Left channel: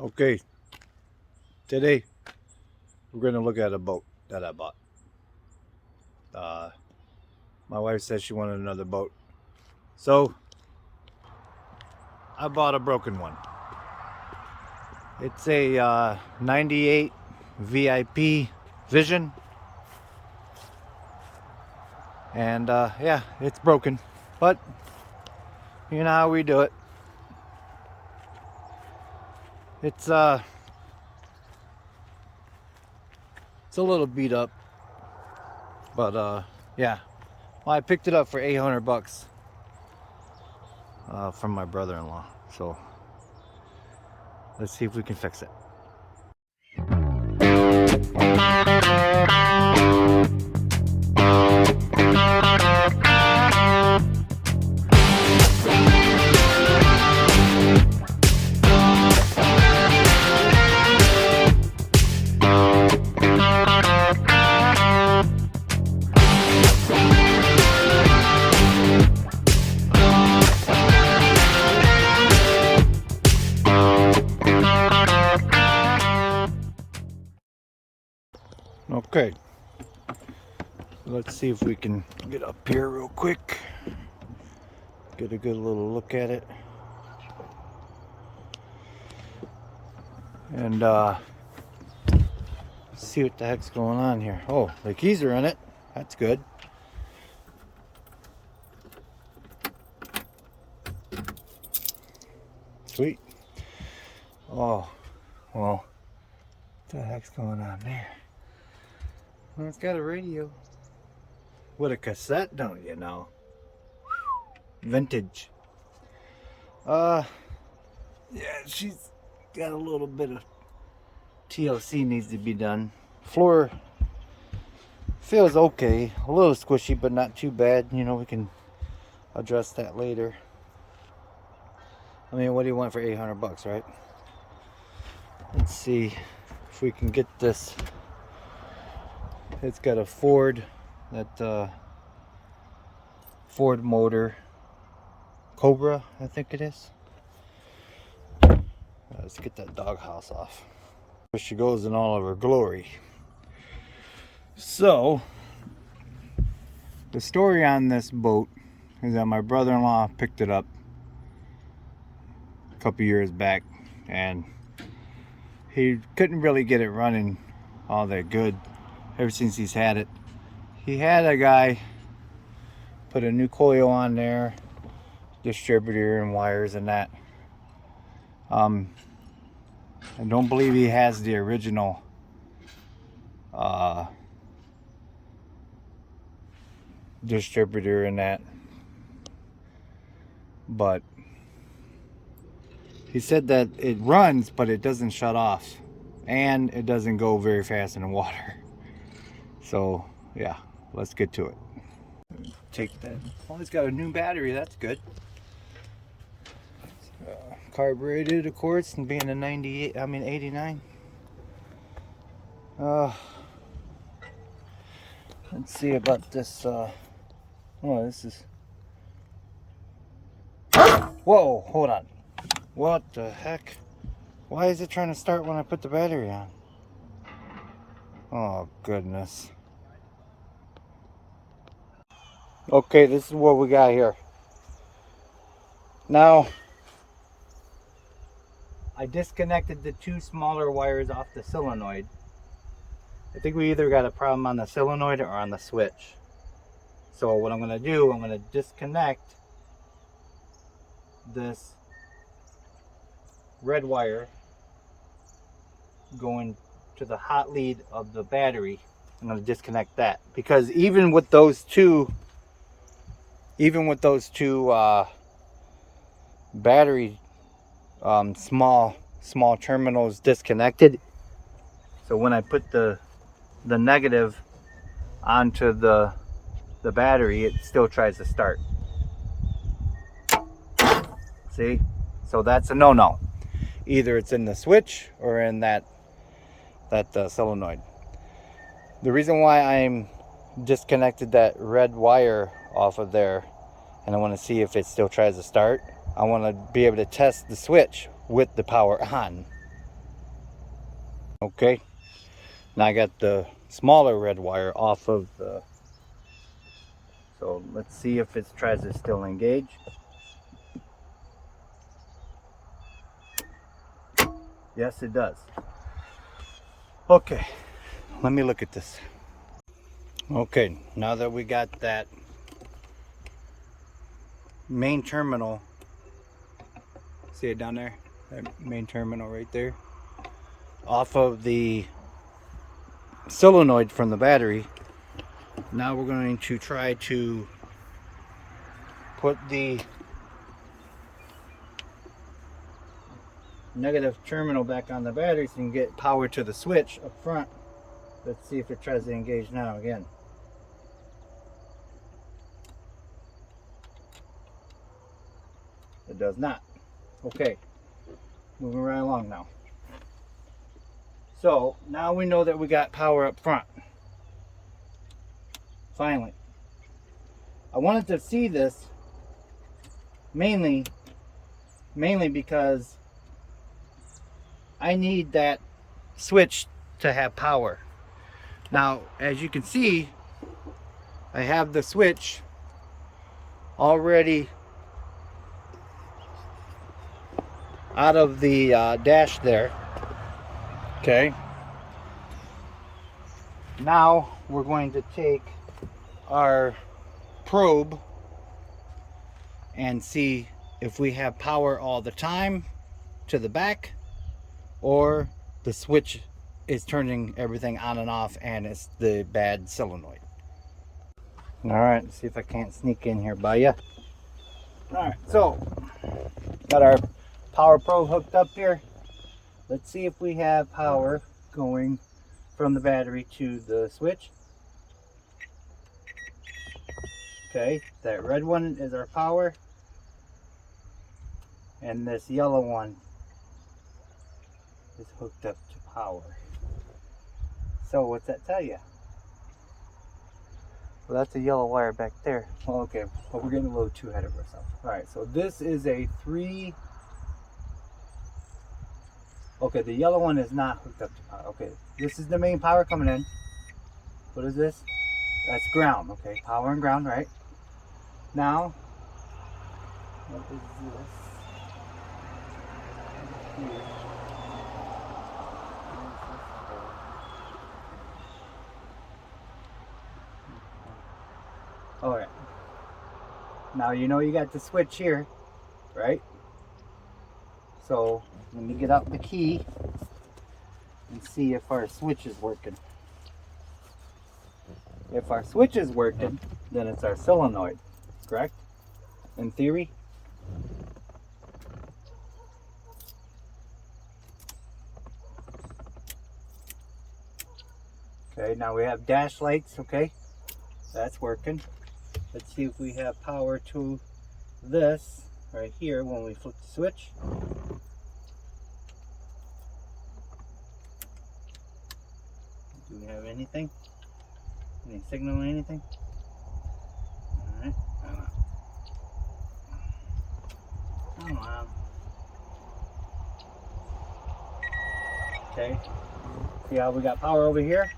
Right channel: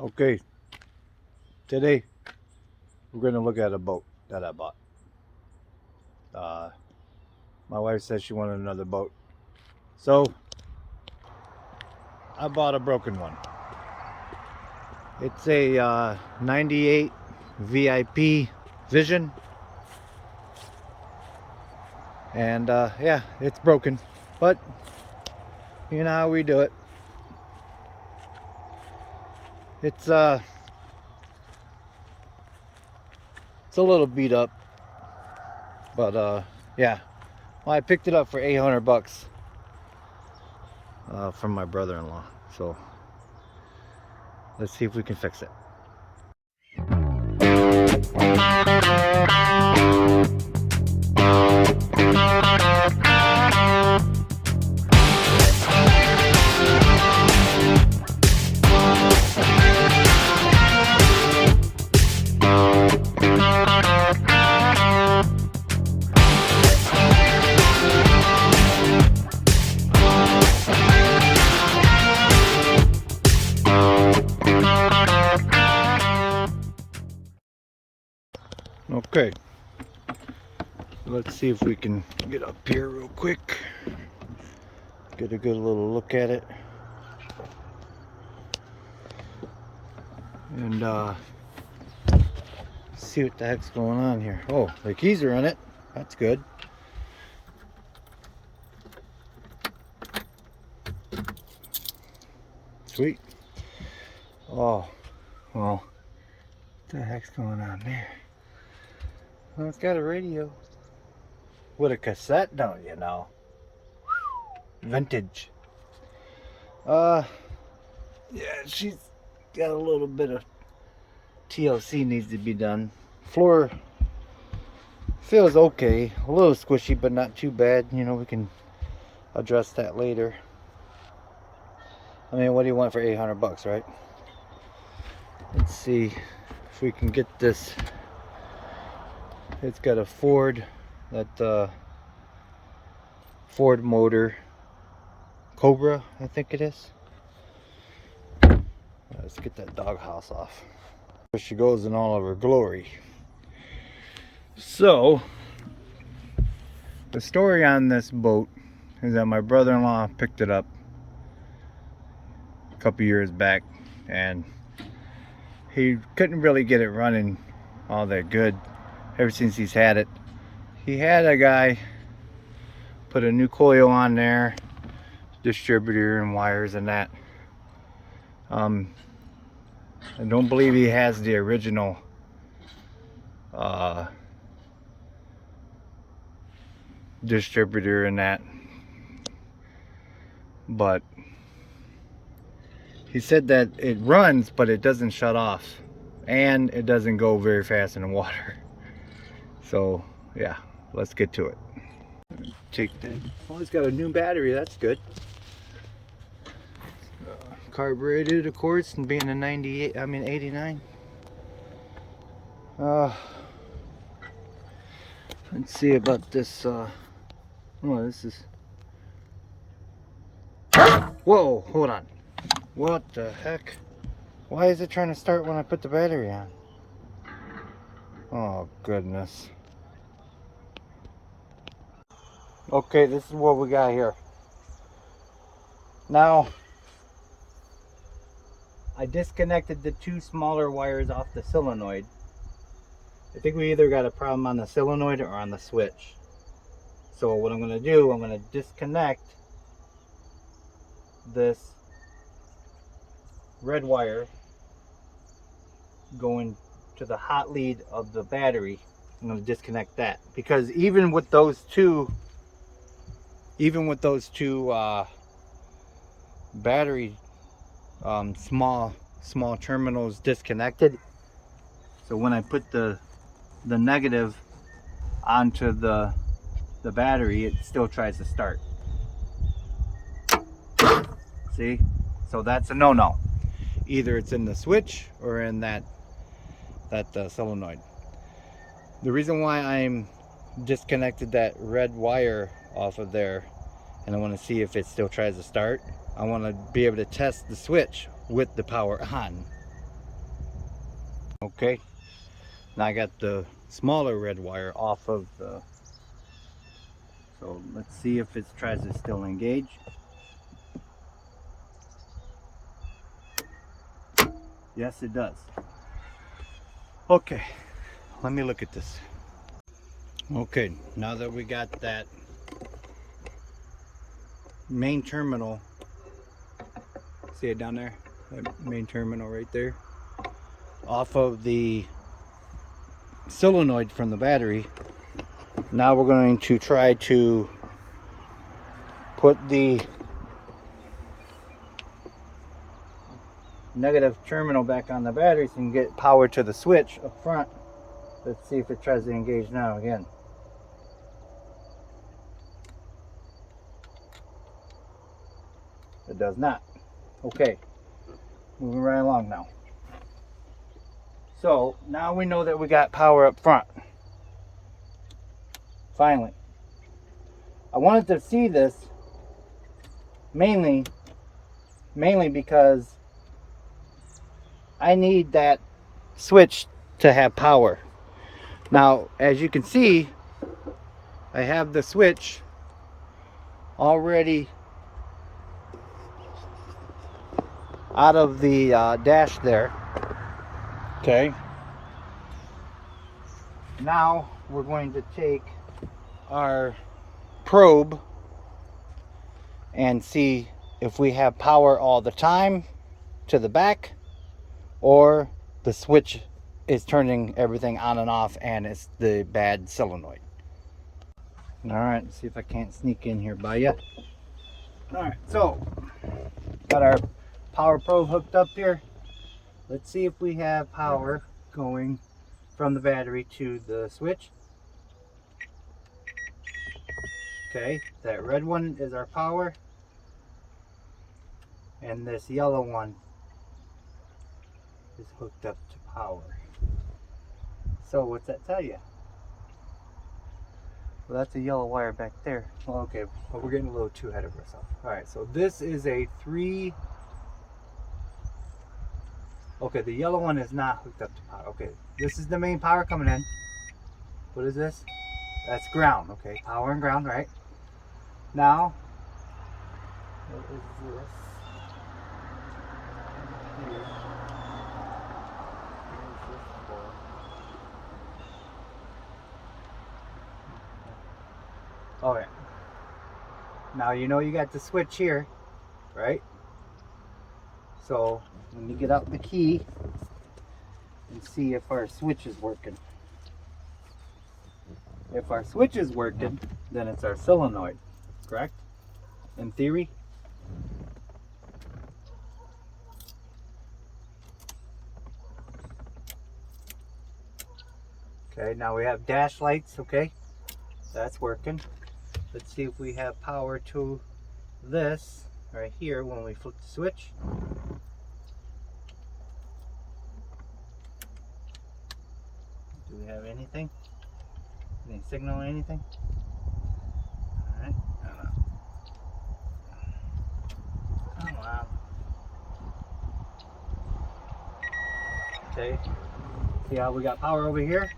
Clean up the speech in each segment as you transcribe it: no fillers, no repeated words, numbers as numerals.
Okay, today we're going to look at a boat that I bought. Uh, my wife said she wanted another boat, so I bought a broken one. It's a 98 VIP Vision, and yeah, it's broken, but you know how we do it. It's it's a little beat up, but yeah. Well, I picked it up for 800 bucks from my brother-in-law. So let's see if we can fix it. Okay, let's see if we can get up here real quick, get a good little look at it, and see what the heck's going on here. Oh, the keys are in it. That's good. Sweet. Oh, well, what the heck's going on there? Well, it's got a radio with a cassette, don't you know? Vintage. Yeah, she's got a little bit of TLC needs to be done. Floor feels okay, a little squishy, but not too bad. You know, we can address that later. I mean, what do you want for 800 bucks, right? Let's see if we can get this. It's got a Ford, that Ford motor, Cobra, I think it is. Let's get that doghouse off. There she goes in all of her glory. So, the story on this boat is that my brother-in-law picked it up a couple years back, and he couldn't really get it running all that good ever since he's had it. He had a guy put a new coil on there, distributor and wires and that. I don't believe he has the original distributor and that, but he said that it runs, but it doesn't shut off, and it doesn't go very fast in the water. So yeah, let's get to it. Take that. Oh, it's got a new battery. That's good. Carbureted, of course, and being a 98, I mean 89. Let's see about this. Oh, this is. Whoa, hold on. What the heck? Why is it trying to start when I put the battery on? Oh, goodness. Okay, this is what we got here. Now, I disconnected the two smaller wires off the solenoid. I think we either got a problem on the solenoid or on the switch. So what I'm going to do, I'm going to disconnect this red wire going to the hot lead of the battery. I'm going to disconnect that, because even with those two battery small terminals disconnected, so when I put the negative onto the battery, it still tries to start. See, so that's a no-no. Either it's in the switch or in that solenoid. The reason why I'm disconnected that red wire off of there, and I want to see if it still tries to start, I want to be able to test the switch with the power on. Okay, now I got the smaller red wire off of the, so let's see if it tries to still engage. Yes, it does. Okay, let me look at this. Okay, now that we got that main terminal, see it down there? That main terminal right there, off of the solenoid from the battery. Now we're going to try to put the negative terminal back on the battery so you can get power to the switch up front. Let's see if it tries to engage now again. It does not. Okay, moving right along now. So now we know that we got power up front. Finally. I wanted to see this mainly because I need that switch to have power. Now, as you can see, I have the switch already out of the dash there. Okay. Now we're going to take our probe and see if we have power all the time to the back, or the switch is turning everything on and off and it's the bad solenoid. All right, let's see if I can't sneak in here by you. All right, so got our power probe hooked up here. Let's see if we have power going from the battery to the switch. Okay, that red one is our power, and this yellow one is hooked up to power. So what's that tell you? Well, that's a yellow wire back there. Well, okay, but we're getting a little too ahead of ourselves. All right, so this is a 3. Okay, the yellow one is not hooked up to power. Okay, this is the main power coming in. What is this? That's ground. Okay, power and ground, right? Now, what is this? Here. Oh yeah. Now you know you got the switch here, right? So let me get out the key and see if our switch is working. If our switch is working, then it's our solenoid, correct? In theory. Okay, now we have dash lights, okay? That's working. Let's see if we have power to this right here when we flip the switch. Do we have anything? Any signal or anything? Alright. Come on. Okay. See how we got power over here?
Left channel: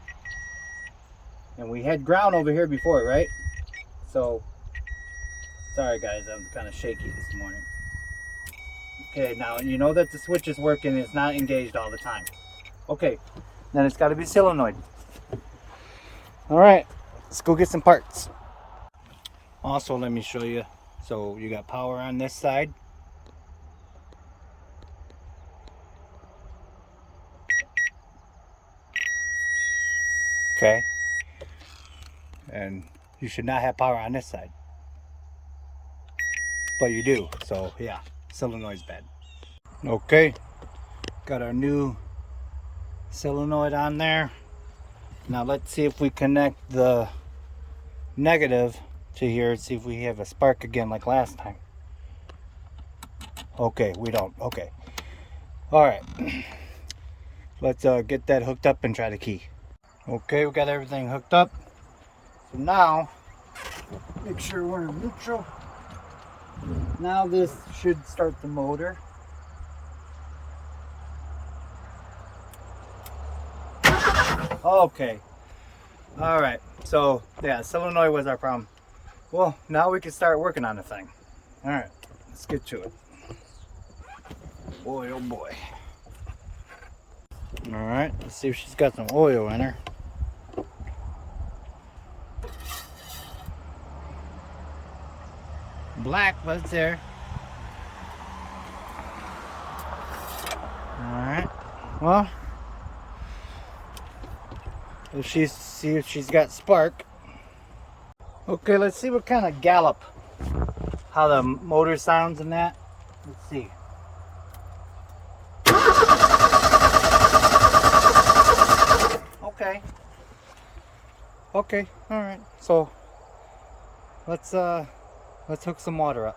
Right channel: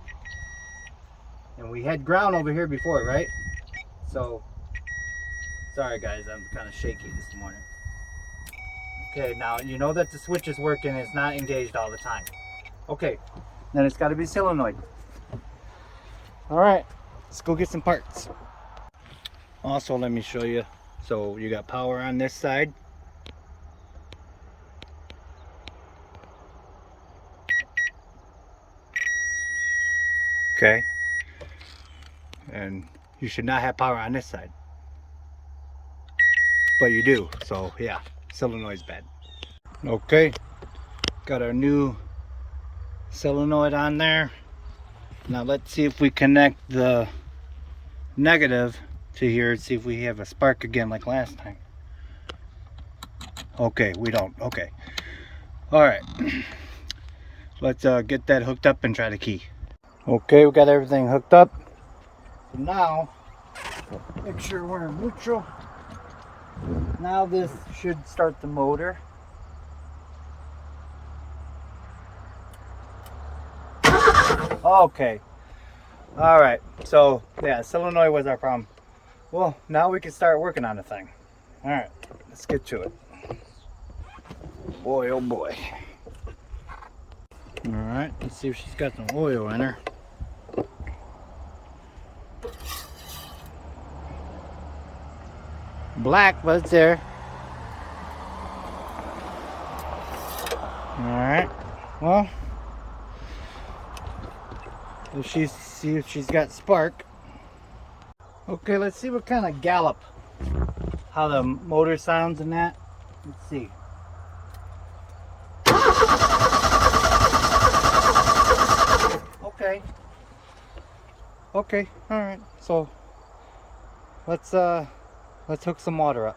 And we had ground over here before, right? So, sorry guys, I'm kind of shaky this morning. Okay, now you know that the switch is working, it's not engaged all the time. Okay, then it's got to be solenoid. All right, let's go get some parts. Also, let me show you. So you got power on this side. Okay. And you should not have power on this side. But you do, so yeah, solenoid's bad. Okay, got our new solenoid on there. Now let's see if we connect the negative to here, see if we have a spark again like last time. Okay, we don't. Okay. All right. Let's get that hooked up and try the key. Okay, we got everything hooked up. So now, make sure we're in neutral. Now this should start the motor. Okay. All right. So yeah, solenoid was our problem. Well, now we can start working on the thing. All right, let's get to it. Boy, oh boy. All right, let's see if she's got some oil in her. Black, but it's there. All right. Well, see if she's got spark. Okay, let's see what kind of gallop, how the motor sounds in that. Let's see. Okay. Okay. All right. So let's hook some water up.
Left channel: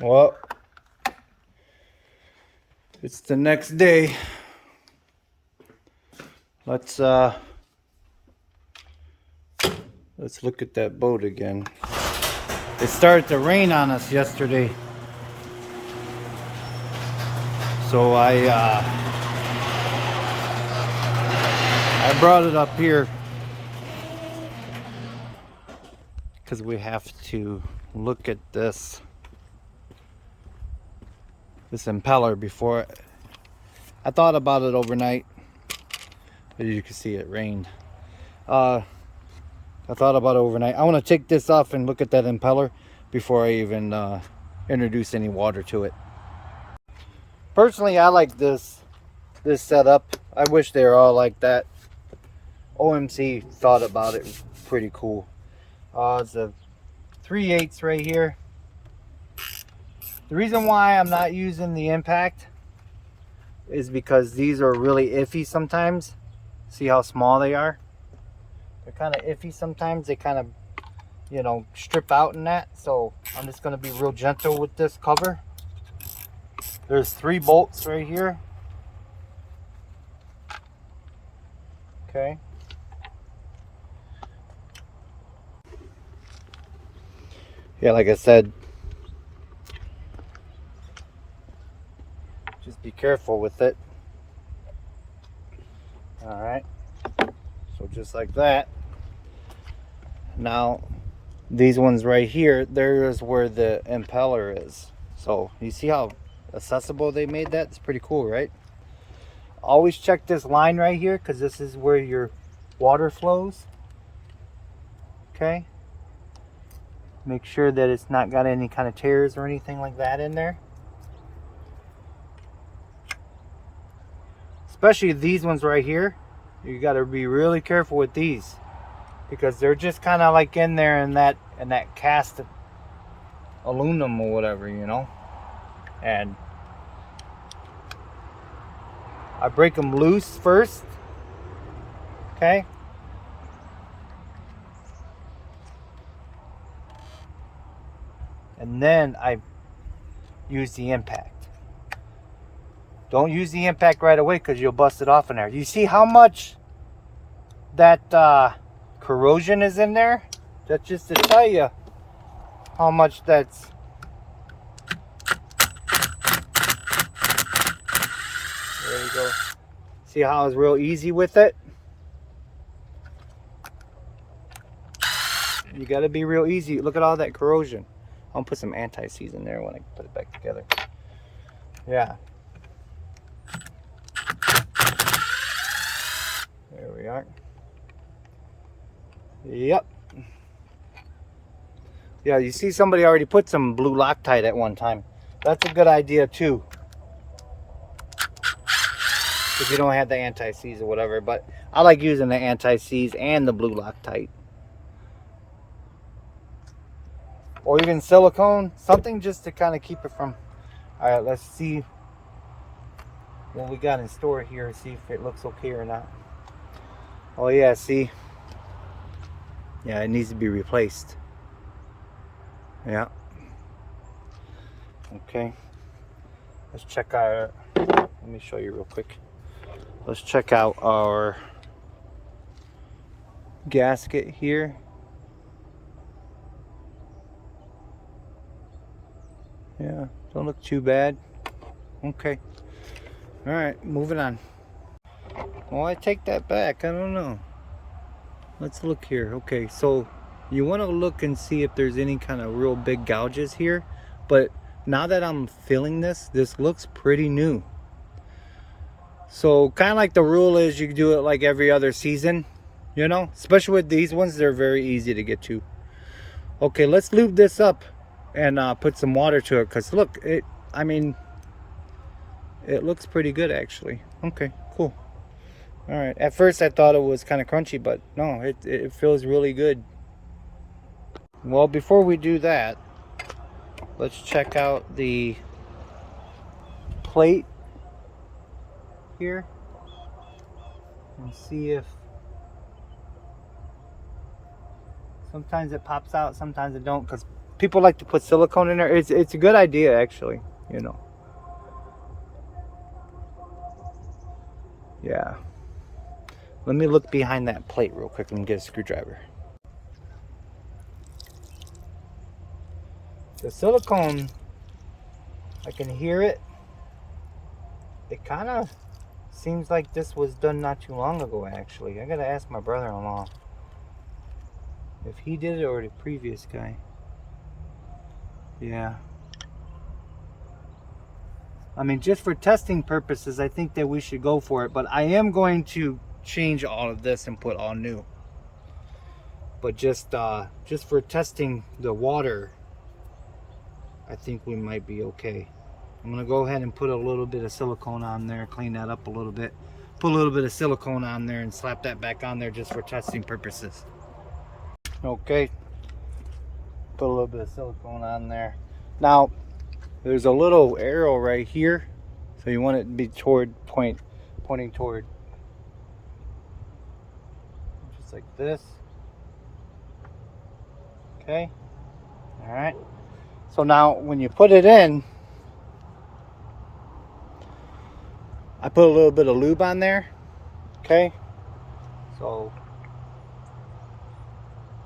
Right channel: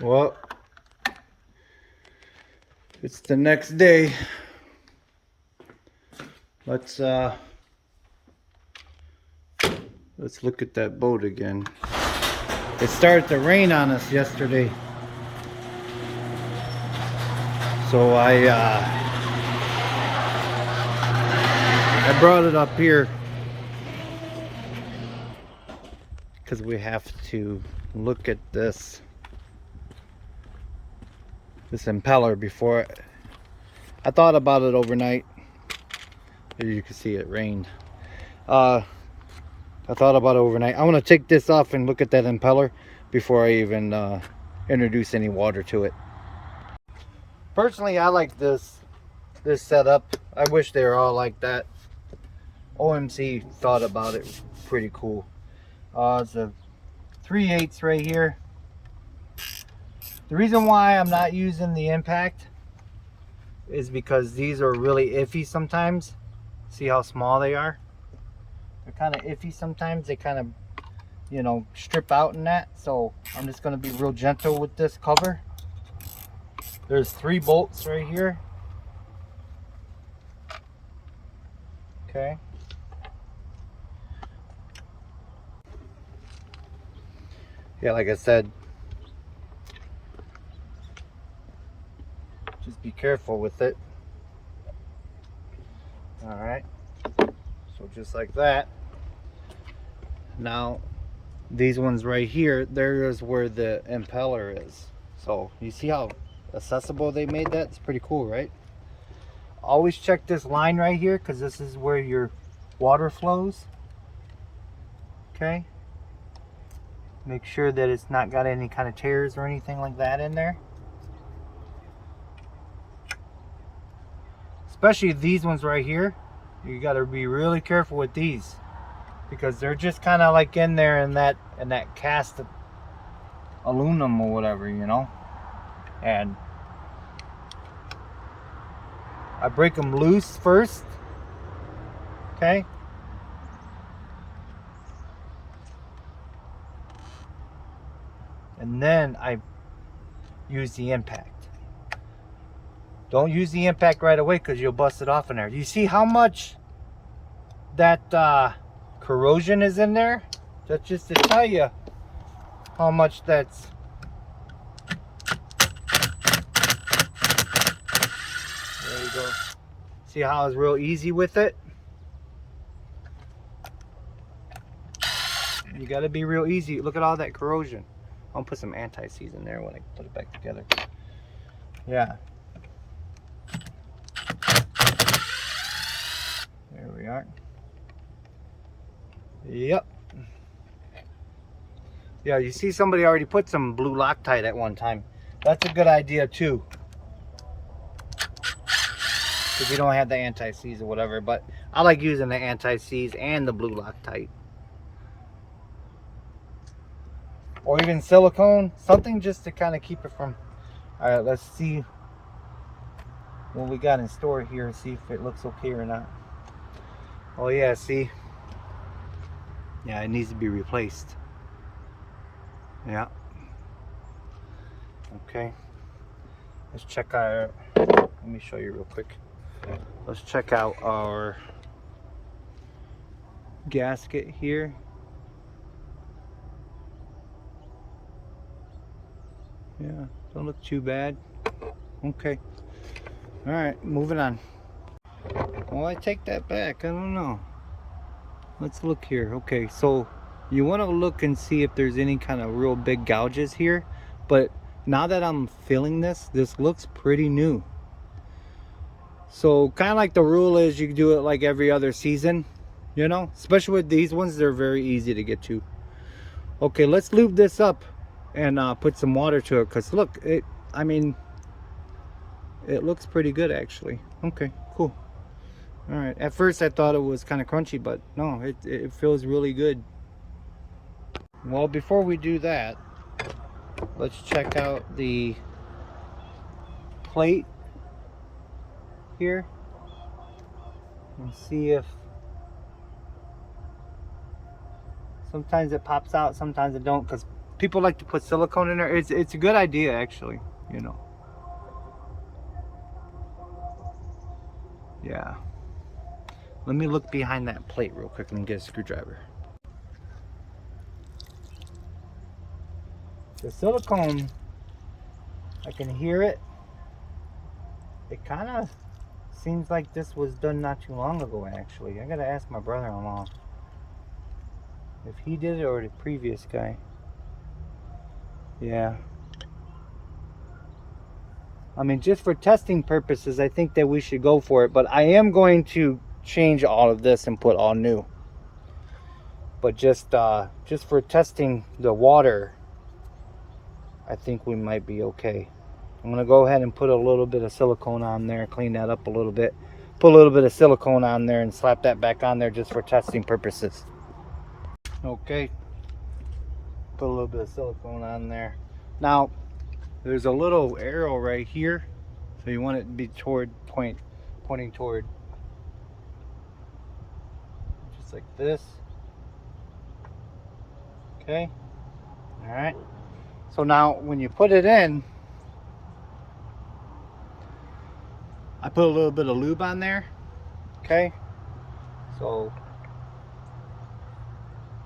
Well, it's the next day. Let's look at that boat again. It started to rain on us yesterday, so I brought it up here because we have to look at this impeller before. I thought about it overnight. As you can see, it rained. I thought about it overnight. I want to take this off and look at that impeller before I even introduce any water to it. Personally, I like this setup. I wish they were all like that. OMC thought about it. It was pretty cool. It's a 3/8 right here. The reason why I'm not using the impact is because these are really iffy sometimes. See how small they are? They're kind of iffy sometimes. They kind of, you know, strip out in that. So I'm just going to be real gentle with this cover. There's 3 bolts right here. Okay. Yeah, like I said, just be careful with it. All right. So just like that. Now, these ones right here, there's where the impeller is. So you see how accessible they made that? It's pretty cool, right? Always check this line right here, because this is where your water flows. Okay. Make sure that it's not got any kind of tears or anything like that in there. Especially these ones right here. You got to be really careful with these, because they're just kind of like in there in that cast aluminum or whatever, you know. And I break them loose first. Okay. And then I use the impact. Don't use the impact right away, because you'll bust it off in there. You see how much that corrosion is in there? That's just to tell you how much that's. There you go. See how it's real easy with it? You got to be real easy. Look at all that corrosion. I'm gonna put some anti-seize in there when I put it back together. Yeah. There we are. Yep. Yeah, you see somebody already put some blue Loctite at one time. That's a good idea too. If you don't have the anti-seize or whatever, but I like using the anti-seize and the blue Loctite. Or even silicone, something just to kind of keep it from. All right, let's see what we got in store here, see if it looks okay or not. Oh yeah, see? Yeah, it needs to be replaced. Yeah. Okay. Let's check our, let me show you real quick. Let's check out our gasket here. Yeah, don't look too bad. Okay. All right, moving on. Well, I take that back. I don't know. Let's look here. Okay, so you want to look and see if there's any kind of real big gouges here. But now that I'm feeling this looks pretty new. So kind of like the rule is you do it like every other season, you know, especially with these ones, they're very easy to get to. Okay, let's lube this up and put some water to it, because look, I mean, it looks pretty good actually. Okay, cool. All right, at first I thought it was kind of crunchy, but no, it feels really good. Well, before we do that, let's check out the plate here and see if sometimes it pops out, sometimes it don't, because people like to put silicone in there. It's a good idea actually, you know. Yeah, let me look behind that plate real quick and get a screwdriver. The silicone, I can hear it. It kind of seems like this was done not too long ago actually. I gotta ask my brother-in-law if he did it or the previous guy. Yeah, I mean, just for testing purposes, I think that we should go for it. But I am going to change all of this and put all new. But just for testing the water, I think we might be okay. I'm gonna go ahead and put a little bit of silicone on there, clean that up a little bit, put a little bit of silicone on there and slap that back on there just for testing purposes. Okay, put a little bit of silicone on there. Now, there's a little arrow right here, so you want it to be pointing toward, just like this. Okay, all right. So now when you put it in, I put a little bit of lube on there. Okay, so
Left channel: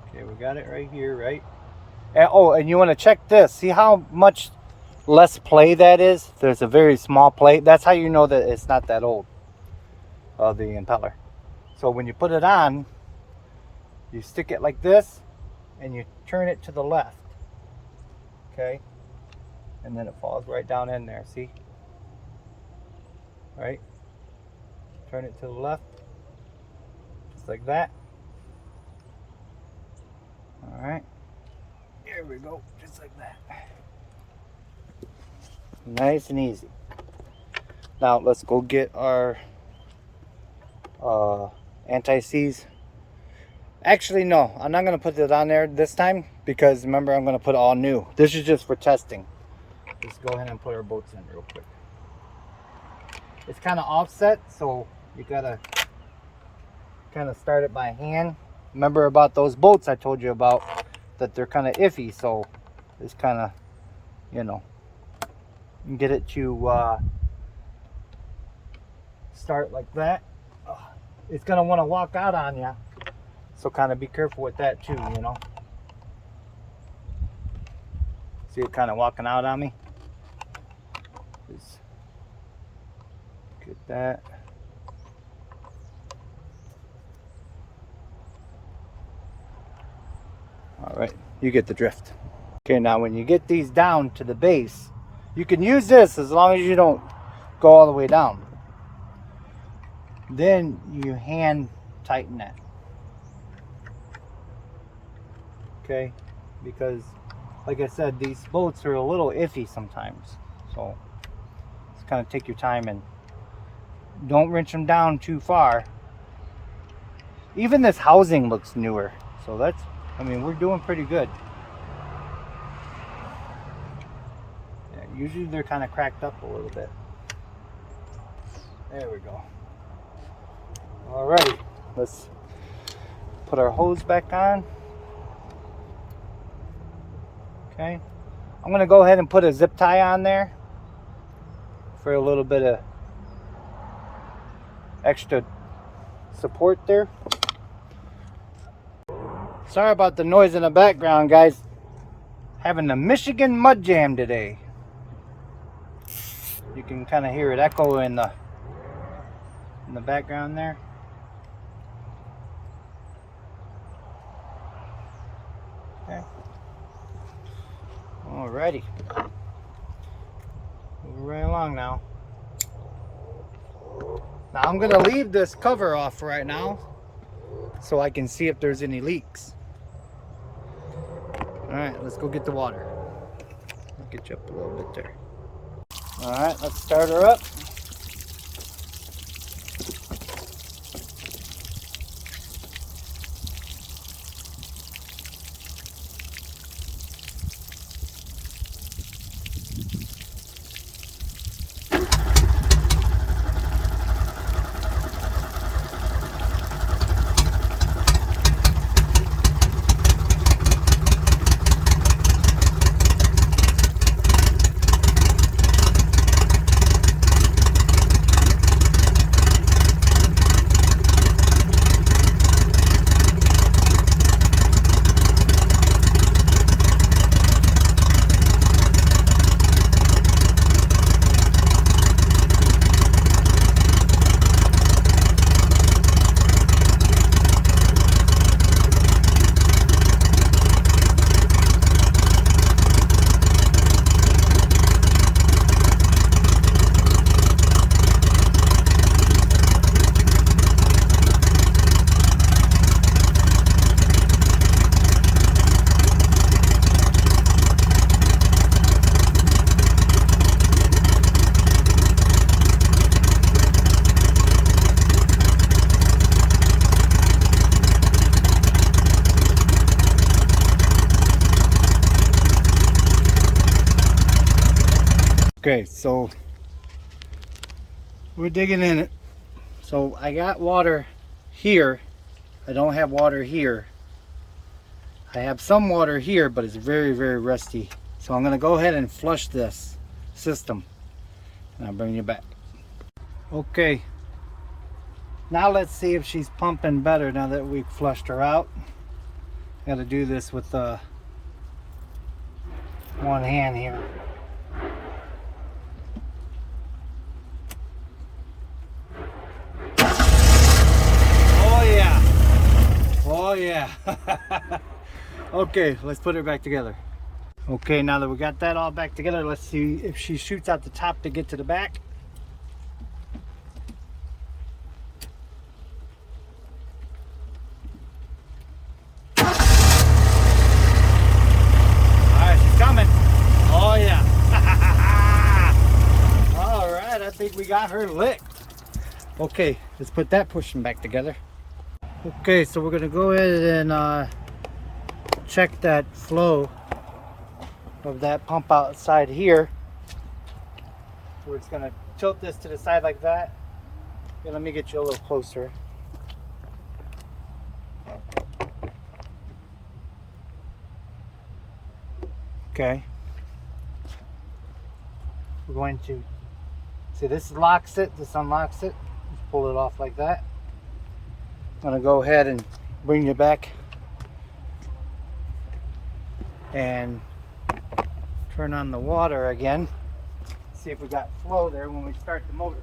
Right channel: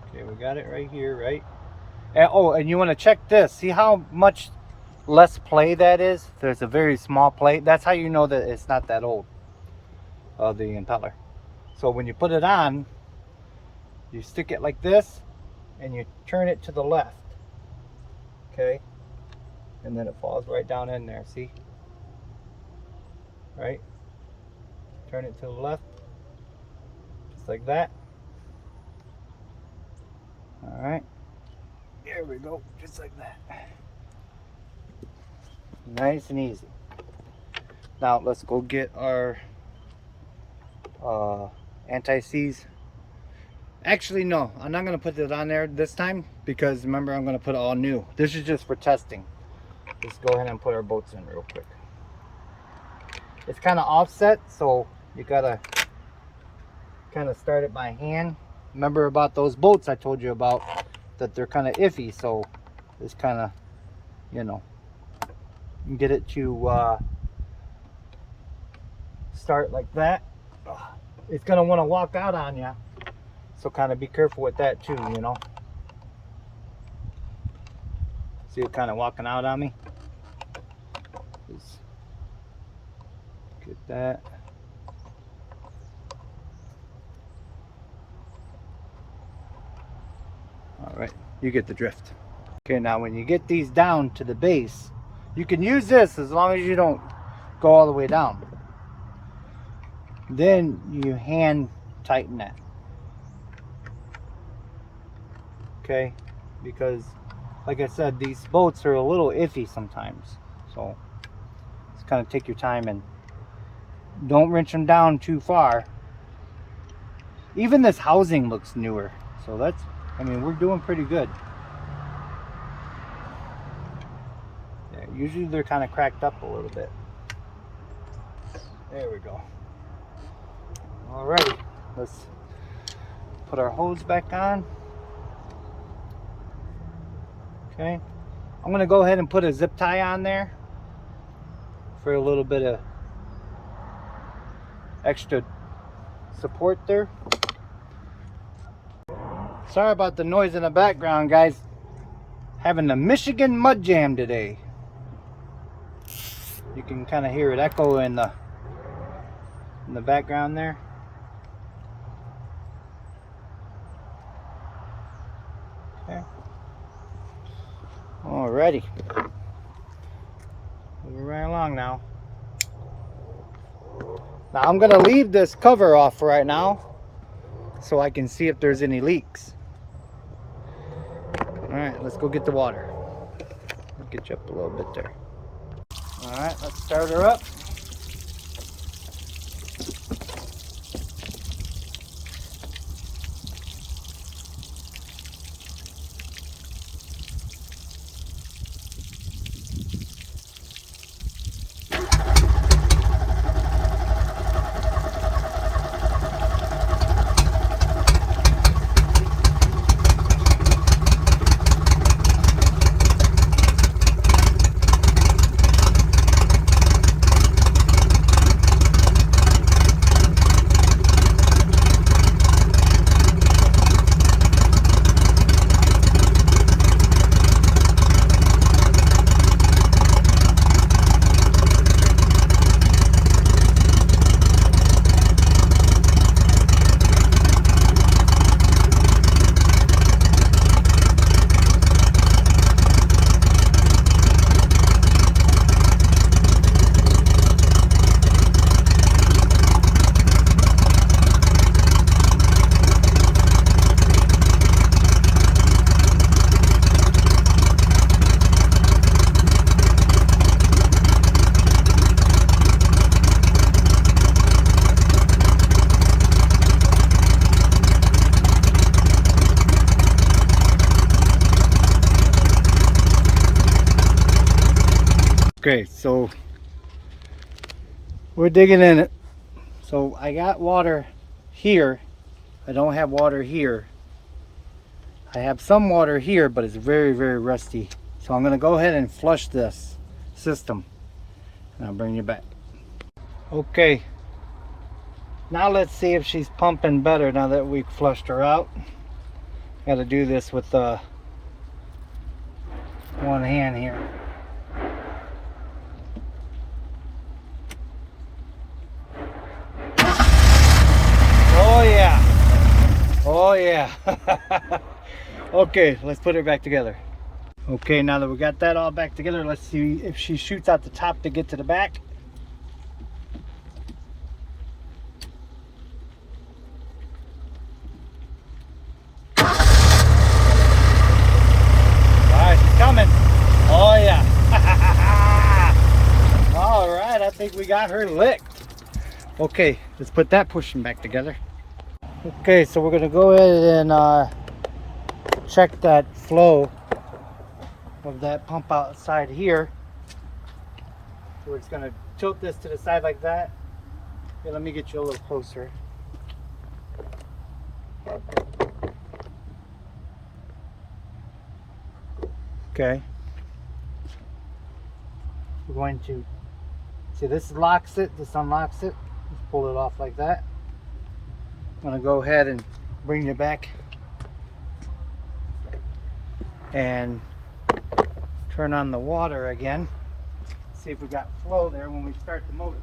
okay, we got it right here, right? And, oh, and you want to check this. See how much less play that is? There's a very small play. That's how you know that it's not that old, the impeller. So when you put it on, you stick it like this and you turn it to the left. Okay, and then it falls right down in there. See? Right? Turn it to the left, just like that. All right, here we go, just like that. Nice and easy. Now let's go get our anti-seize. Actually, no, I'm not going to put it on there this time, because remember, I'm going to put all new. This is just for testing. Let's go ahead and put our bolts in real quick. It's kind of offset, so you got to kind of start it by hand. Remember about those bolts I told you about, that they're kind of iffy, so it's kind of, you know, get it to start like that. It's going to want to walk out on you. So kind of be careful with that too, you know. See it kind of walking out on me? Just get that. All right, you get the drift. Okay, now when you get these down to the base, you can use this as long as you don't go all the way down. Then you hand tighten that. Okay, because like I said, these bolts are a little iffy sometimes, so just kind of take your time and don't wrench them down too far. Even this housing looks newer, so that's, I mean, we're doing pretty good. Yeah, usually they're kind of cracked up a little bit. There we go. Alrighty, let's put our hose back on. Okay, I'm going to go ahead and put a zip tie on there for a little bit of extra support there. Sorry about the noise in the background, guys. Having the Michigan Mud Jam today. You can kind of hear it echo in the in the background there. Okay. Alrighty. Moving right along now. Now I'm gonna leave this cover off right now so I can see if there's any leaks. Alright, let's go get the water. I'll get you up a little bit there. Alright, let's start her up. Okay, so we're digging in it. So I got water here. I don't have water here. I have some water here, but it's very, very rusty. So I'm gonna go ahead and flush this system and I'll bring you back. Okay, now let's see if she's pumping better now that we flushed her out. Got to do this with one hand here. Oh yeah, oh yeah. Okay, let's put her back together. Okay, now that we got that all back together, let's see if she shoots out the top to get to the back. Alright, she's coming. Oh yeah. Alright, I think we got her licked. Okay, let's put that pushing back together. Okay, so we're gonna go ahead and check that flow of that pump outside here. So we're just gonna tilt this to the side like that. Yeah, let me get you a little closer. Okay. We're going to see, this locks it, this unlocks it. Just pull it off like that. I'm gonna go ahead and bring you back and turn on the water again. See if we got flow there when we start the motor.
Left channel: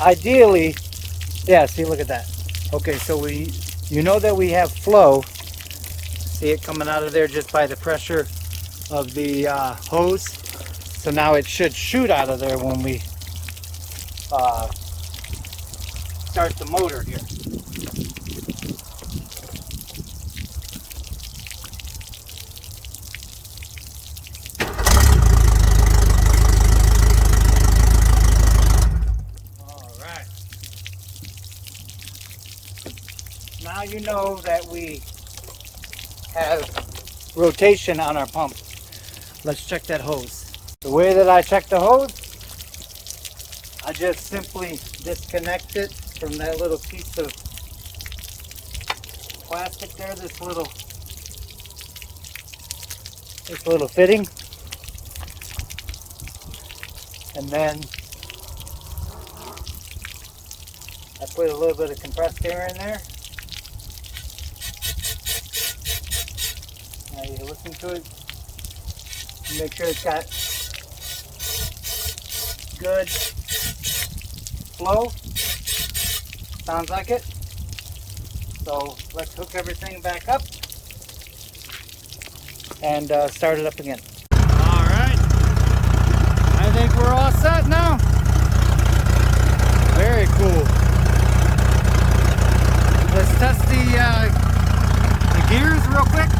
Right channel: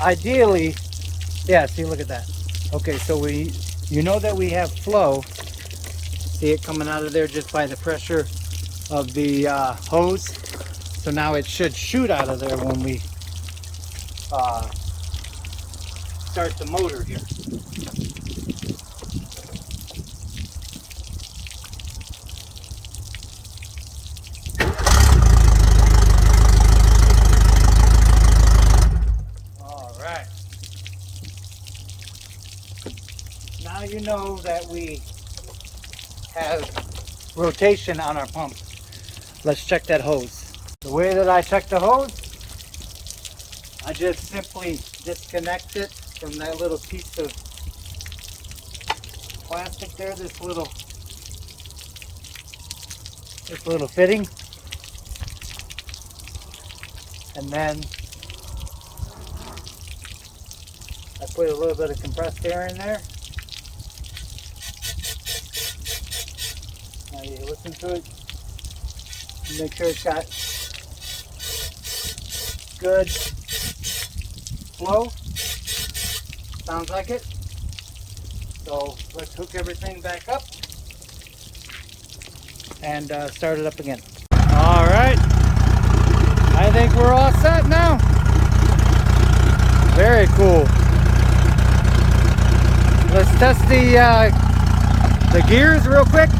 Ideally, yeah, see, look at that. Okay, so you know that we have flow. See it coming out of there just by the pressure of the hose. So now it should shoot out of there when we start the motor here. Now you know that we have rotation on our pump. Let's check that hose. The way that I check the hose, I just simply disconnect it from that little piece of plastic there, this little this little fitting, and then I put a little bit of compressed air in there. Now you listen to it, make sure it's got good flow. Sounds like it. So let's hook everything back up and start it up again. All right, I think we're all set now. Very cool. Let's test the gears real quick.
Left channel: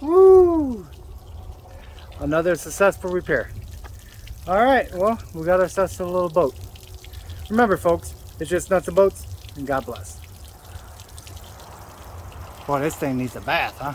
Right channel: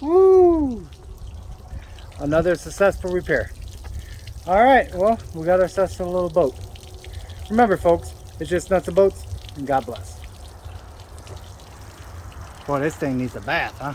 Woo! Another successful repair. All right, well, we got ourselves a little boat. Remember, folks, it's just nuts and bolts, and God bless. Boy, this thing needs a bath, huh?